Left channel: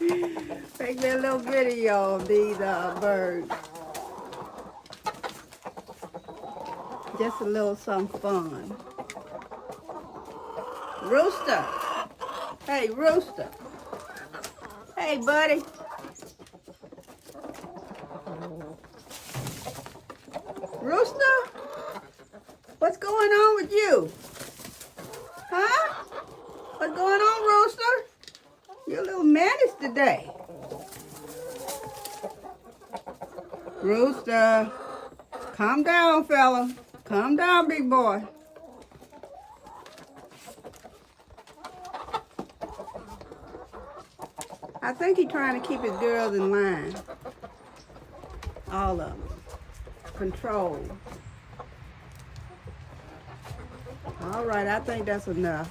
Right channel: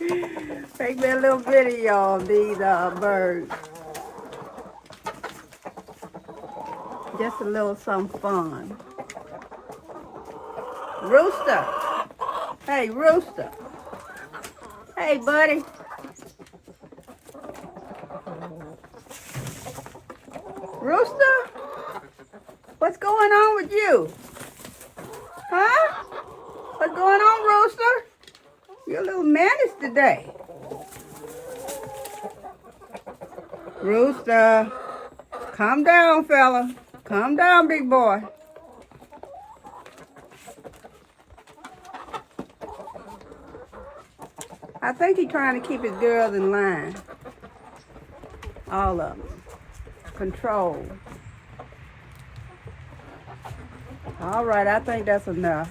Make me a little video of these birds. Just a little something fun. Rooster. Hey, Rooster. Hey, buddy. Rooster? What's going on with you? Huh? What's going on, Rooster? You're a little menace today. Rooster. Calm down, fella. Calm down, big boy. I think he's trying to keep his girls in line. All of them. Control. All right, I think that's enough.